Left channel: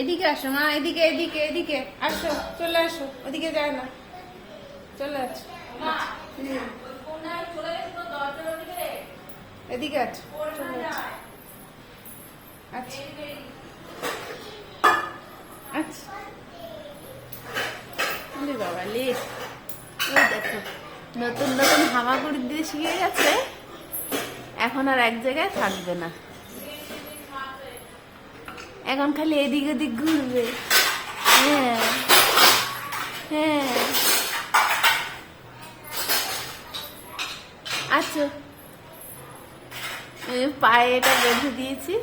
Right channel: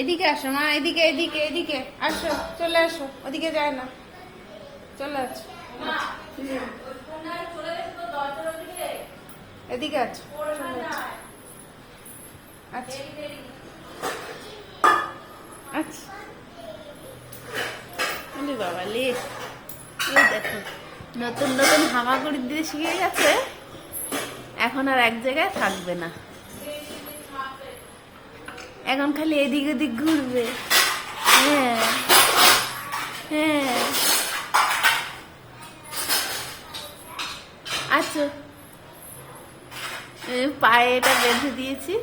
এদিকে আসো মা, এদিকে এদিকে এদিকে আসো, চলে আসো, ওদিকে যায় না, চলে আসো, এদিকে আছো, চলে আসো। আচ্ছা আচ্ছা, বাবা লেট। ওই দেখো নতুন নতুন হামাগুড়ি দিয়ে শিখে গেছে, এখন আর এক জায়গায় থাকবে না, এখন খালি এদিক ওদিক ঘুরবে। হ্যাঁ হ্যাঁ, আচ্ছা পায়ে এটা বেঁধে দিয়েছি,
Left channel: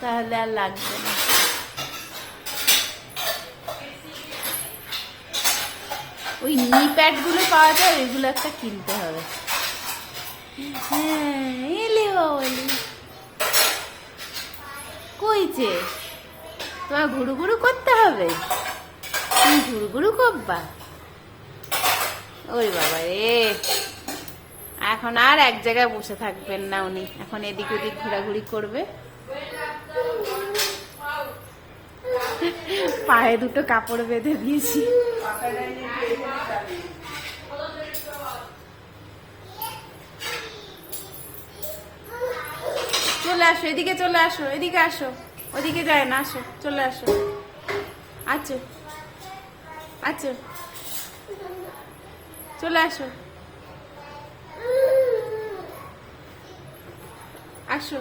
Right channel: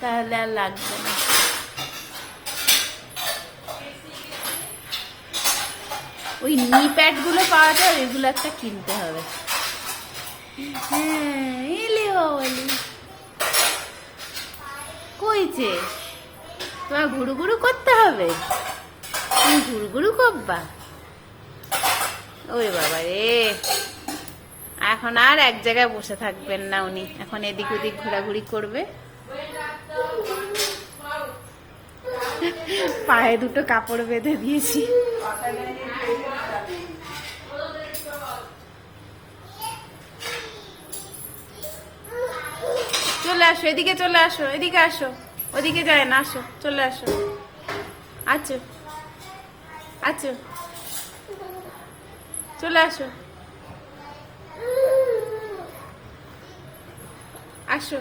তাহলে আর লাগবে না। ওই নি প্যাড গুলো পাওয়া যায়, ওইগুলো একটা কিনতে হবে। হ্যাঁ এলি বাবলি কইছে, তোমার ঘুরু ঘুরু করতে হবে, তুমি ঘুরু ঘুরু করবা। ওই বাবা রে, এখন আর এক জায়গায় বসে থাকবেন না উনি, এখন এদিক ওদিক ঘোরাঘুরি করবে। পায়ে দুটো কাপড় বেঁধে দিয়েছি। চলে আসো, এদিকে চলে আসো, এদিকে আসো, ওদিকে যায় না, আসো চলে আসো। আচ্ছা আচ্ছা, চলে আসো, আসো।